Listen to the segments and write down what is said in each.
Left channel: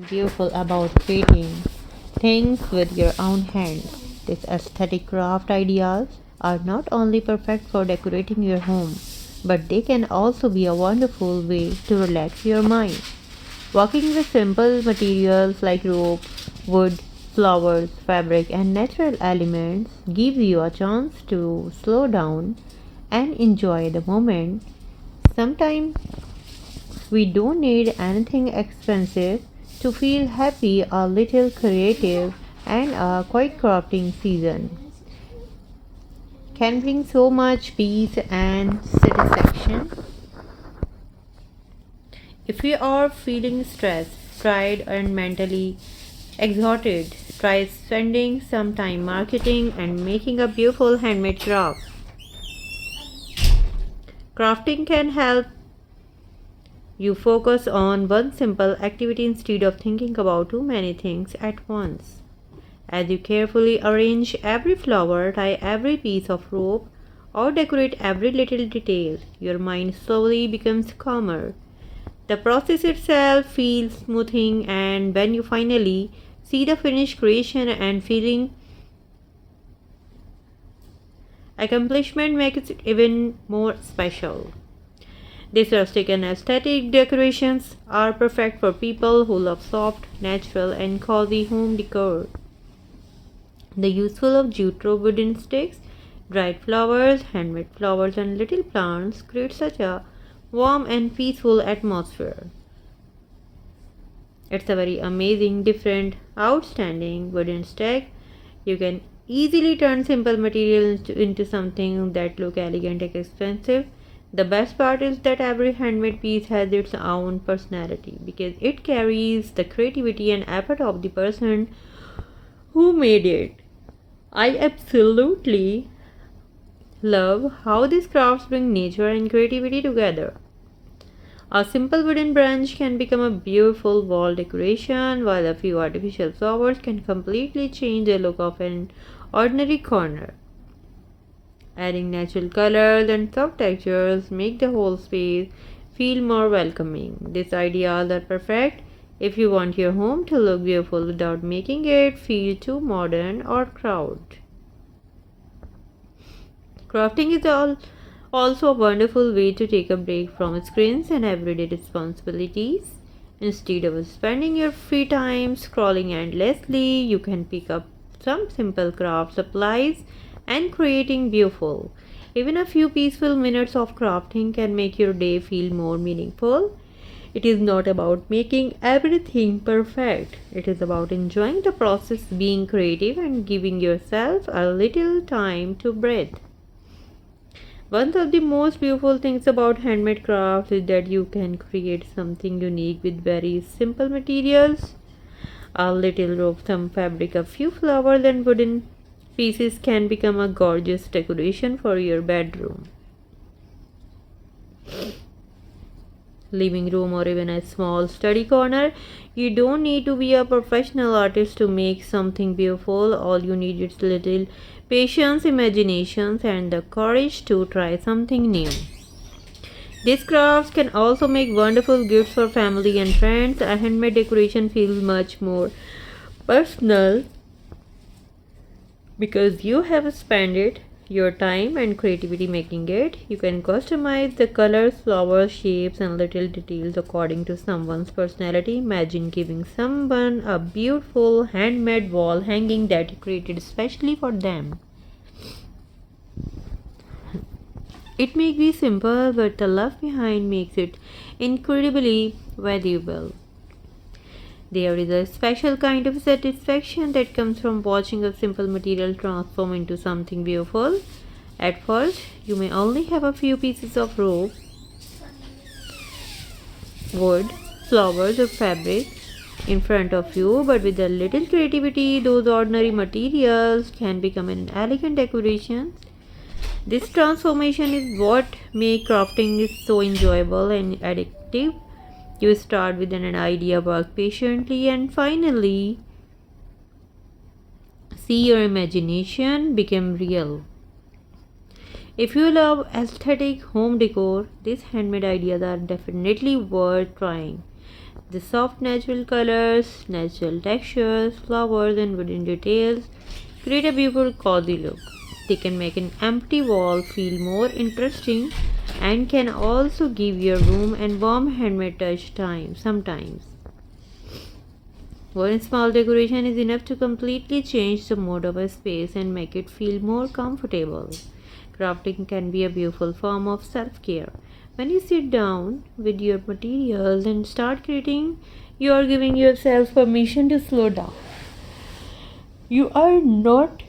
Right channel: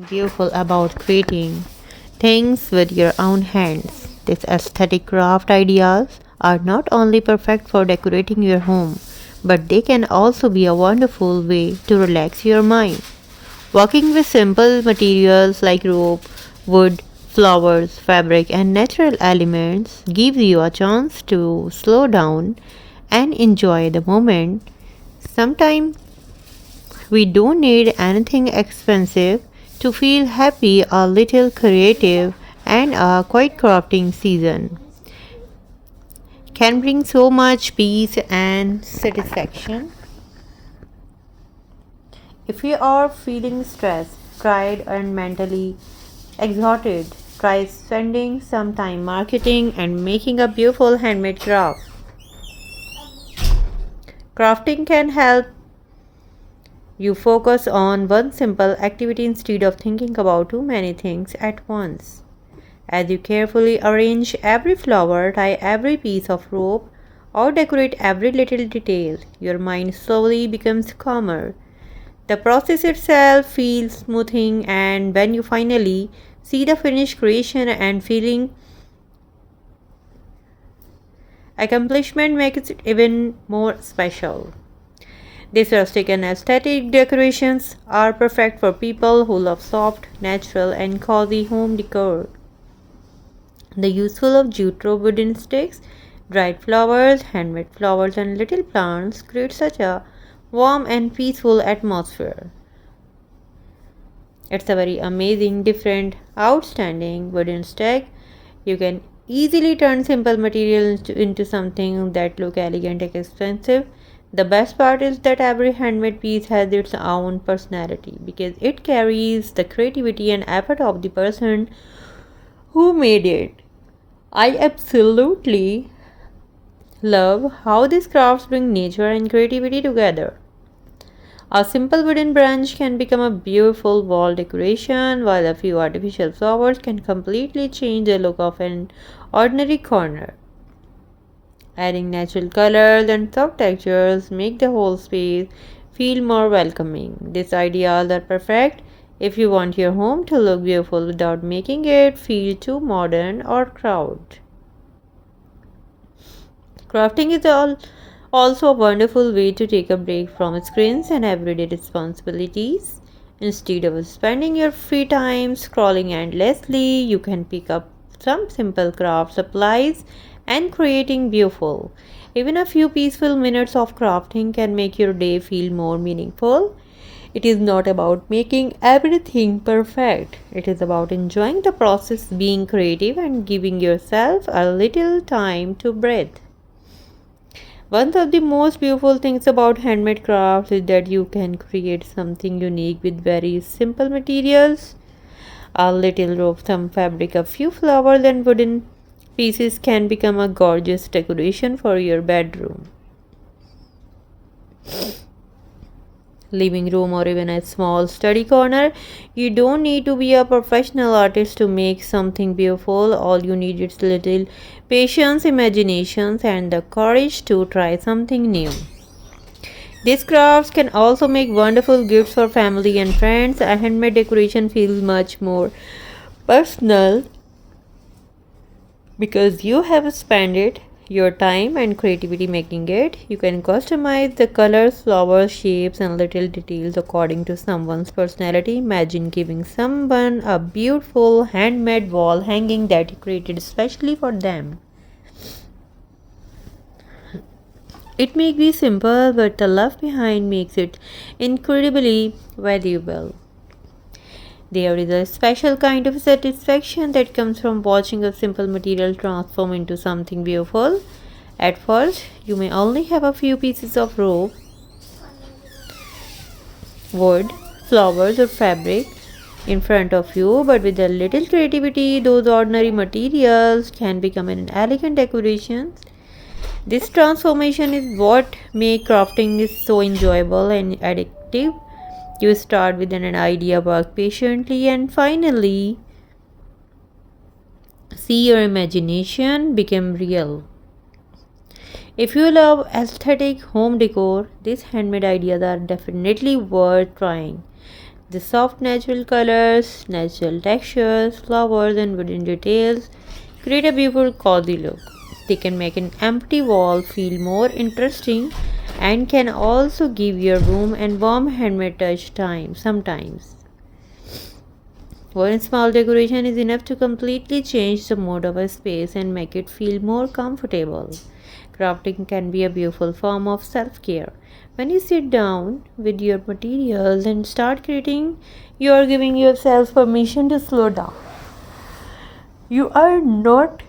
beautiful about creating things with your own hands. These aesthetic craft ideas are not only perfect for decorating your home, but they can also be a wonderful way to relax your mind. Working with simple materials like rope, wood, flowers, fabric, and natural elements gives you a chance to slow down and enjoy the moment. Sometimes we don't need anything expensive to feel happy, a little creative, and a quiet crafting season can bring so much peace and satisfaction. If you are feeling stressed, tired, and mentally exhausted, try spending some time marketing and making a beautiful handmade craft. Crafting can help you focus on one simple activity instead of thinking about too many things at once. As you carefully arrange every flower, tie every piece of rope, or decorate every little detail, your mind slowly becomes calmer. The process itself feels smoothing, and when you finally see the finished creation and feeling accomplishment makes it even more special. These rustic and aesthetic decorations are perfect for people who love soft, natural, and cozy home decor. The useful of jute rope wooden sticks, dried flowers, handmade flowers, and little plants create such a warm and peaceful atmosphere. It's a very amazing, different, outstanding wooden stick. You can easily turn simple materials into something that look elegant and expensive. The best part is that every handmade piece has its own personality because it carries the creativity and effort of the person who made it. I absolutely love how these crafts bring nature and creativity together. A simple wooden branch can become a beautiful wall decoration, while a few artificial flowers can completely change the look of an ordinary corner. Adding natural colors and soft textures make the whole space feel more welcoming. These ideas are perfect if you want your home to look beautiful without making it feel too modern or crowded. Crafting is also a wonderful way to take a break from screens and everyday responsibilities. Instead of spending your free time scrolling endlessly, you can pick up some simple craft supplies and creating beautiful. Even a few peaceful minutes of crafting can make your day feel more meaningful. It is not about making everything perfect. It is about enjoying the process, being creative, and giving yourself a little time to breathe. One of the most beautiful things about handmade crafts is that you can create something unique with very simple materials. A little rope, some fabric, a few flowers, and wooden pieces can become a gorgeous decoration for your bedroom, living room, or even a small study corner. You don't need to be a professional artist to make something beautiful. All you need is little patience, imaginations, and the courage to try something new. These crafts can also make wonderful gifts for family and friends. A handmade decoration feels much more personal because you have spent it your time and creativity making it. You can customize the colors, flowers, shapes, and little details according to someone's personality. Imagine giving someone a beautiful handmade wall hanging that you created especially for them. It may be simple, but the love behind makes it incredibly valuable. There is a special kind of satisfaction that comes from watching a simple material transform into something beautiful. At first, you may only have a few pieces of rope, wood, flowers, or fabric in front of you, but with a little creativity, those ordinary materials can become an elegant decoration. This transformation is what makes crafting is so enjoyable and addictive. You start with an idea, work patiently, and finally see your imagination become real. If you love aesthetic home decor, these handmade ideas are definitely worth trying. The soft natural colors, natural textures, flowers, and wooden details create a beautiful cozy look. They can make an empty wall feel more interesting and can also give your room a warm handmade touch time sometimes. One small decoration is enough to completely change the mood of a space and make it feel more comfortable. Crafting can be a beautiful form of self care. When you sit down with your materials and start creating, you are giving yourself permission to slow down. You are not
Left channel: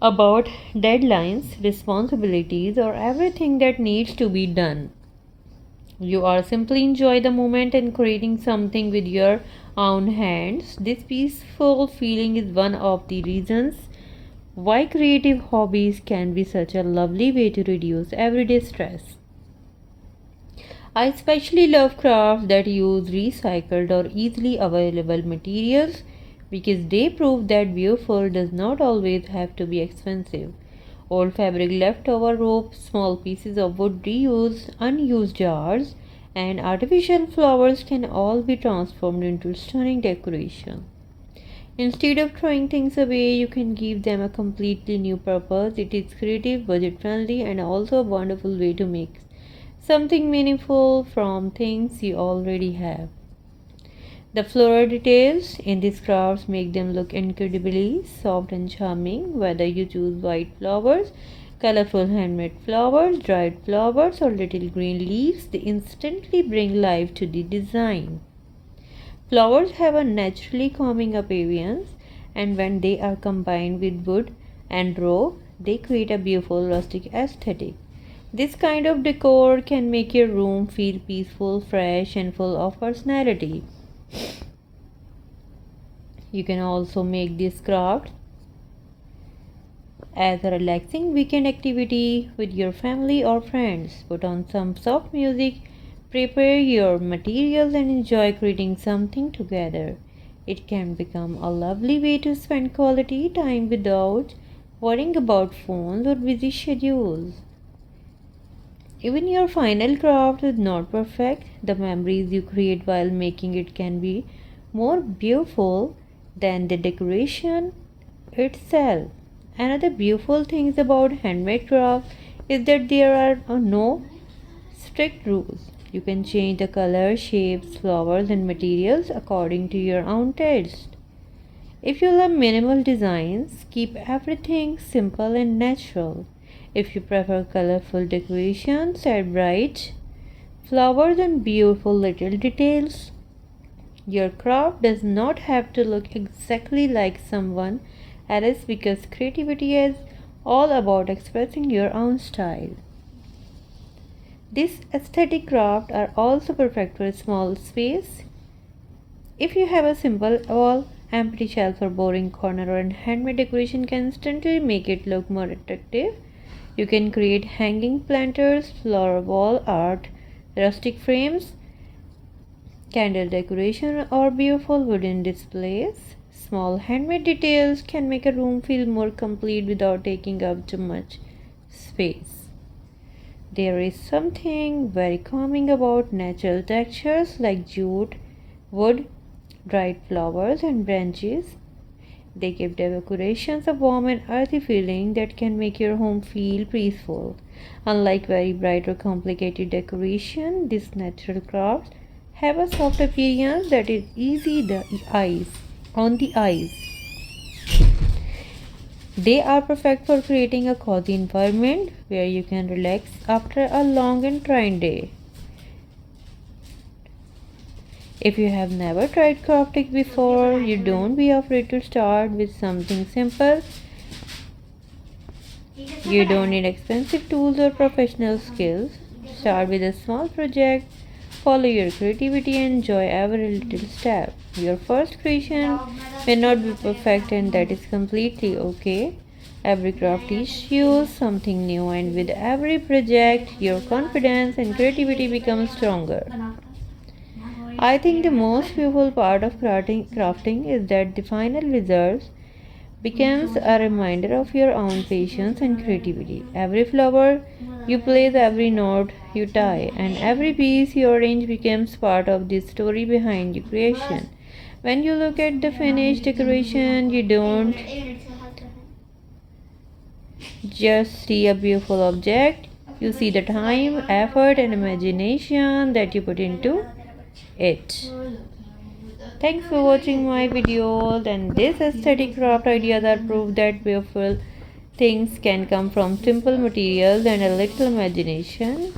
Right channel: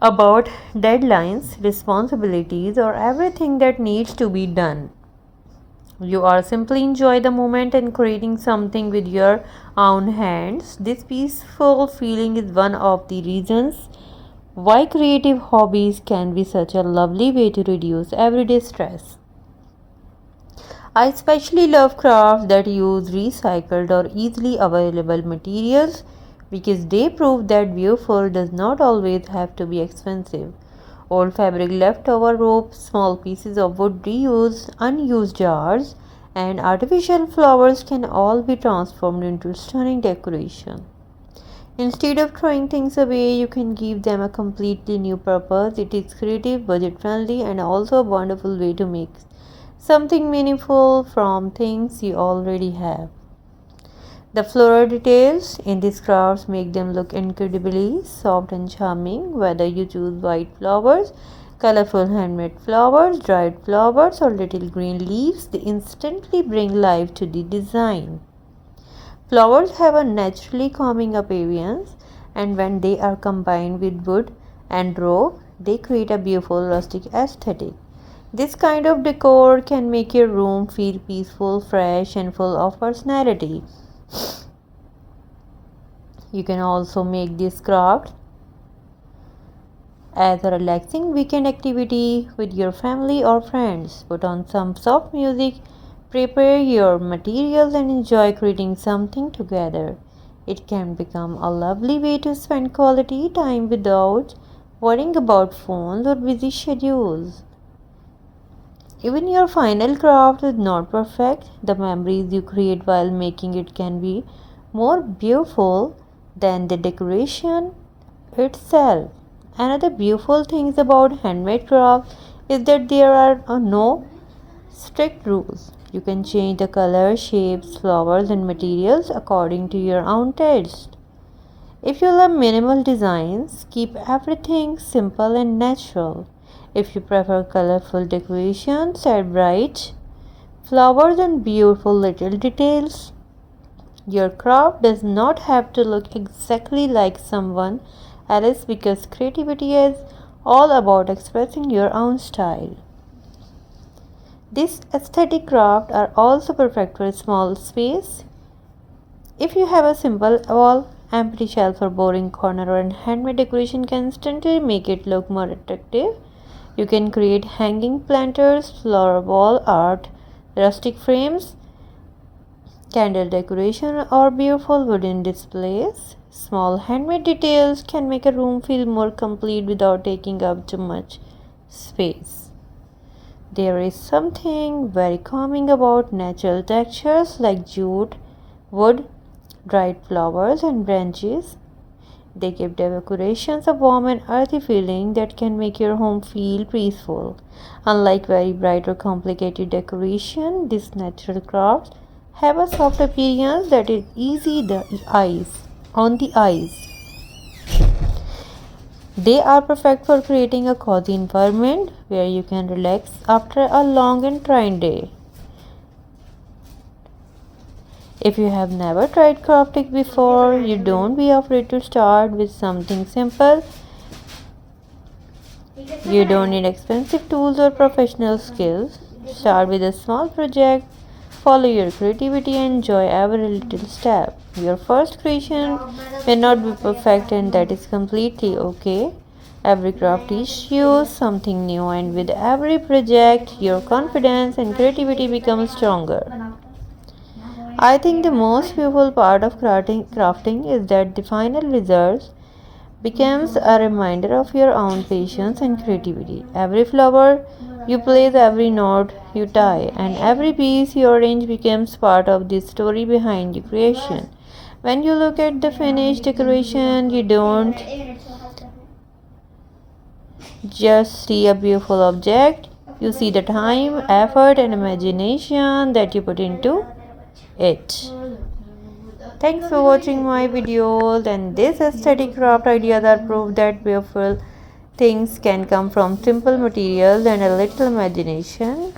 about deadlines, responsibilities, or everything that needs to be done. You are simply enjoy the moment and creating something with your own hands. This peaceful feeling is one of the reasons why creative hobbies can be such a lovely way to reduce everyday stress. I especially love crafts that use recycled or easily available materials because they prove that beautiful does not always have to be expensive. Old fabric, leftover ropes, small pieces of wood reused, unused jars, and artificial flowers can all be transformed into stunning decoration. Instead of throwing things away, you can give them a completely new purpose. It is creative, budget friendly, and also a wonderful way to make something meaningful from things you already have. The floral details in these crafts make them look incredibly soft and charming, whether you choose white flowers, colorful handmade flowers, dried flowers, or little green leaves, they instantly bring life to the design. Flowers have a naturally calming appearance, and when they are combined with wood and rope, they create a beautiful rustic aesthetic. This kind of decor can make your room feel peaceful, fresh, and full of personality. You can also make this craft as a relaxing weekend activity with your family or friends. Put on some soft music, prepare your materials, and enjoy creating something together. It can become a lovely way to spend quality time without worrying about phones or busy schedules. Even your final craft is not perfect. The memories you create while making it can be more beautiful than the decoration itself. Another beautiful thing about handmade craft is that there are no strict rules. You can change the color, shapes, flowers, and materials according to your own taste. If you love minimal designs, keep everything simple and natural. If you prefer colorful decorations, add bright flowers and beautiful little details. Your craft does not have to look exactly like someone else because creativity is all about expressing your own style. These aesthetic crafts are also perfect for a small space. If you have a simple wall, empty shelf, or boring corner, or a handmade decoration can instantly make it look more attractive. You can create hanging planters, flower wall art, rustic frames, candle decoration, or beautiful wooden displays. Small handmade details can make a room feel more complete without taking up too much space. There is something very calming about natural textures like jute, wood, dried flowers, and branches. They give decorations a warm and earthy feeling that can make your home feel peaceful. Unlike very bright or complicated decoration, these natural crafts have a soft appearance that is easy on the eyes. They are perfect for creating a cozy environment where you can relax after a long and trying day. If you have never tried crafting before, you don't be afraid to start with something simple. You don't need expensive tools or professional skills. Start with a small project, follow your creativity, and enjoy every little step. Your first creation may not be perfect, and that is completely okay. Every craft teaches you something new, and with every project, your confidence and creativity become stronger. I think the most beautiful part of crafting is that the final result becomes a reminder of your own patience and creativity. Every flower You place every knot you tie, and every piece you arrange becomes part of the story behind your creation. When you look at the finished decoration, you don't just see a beautiful object, you see the time, effort, and imagination that you put into it. Thanks for watching my videos, and this aesthetic craft ideas are proof that beautiful things can come from simple materials and a little imagination.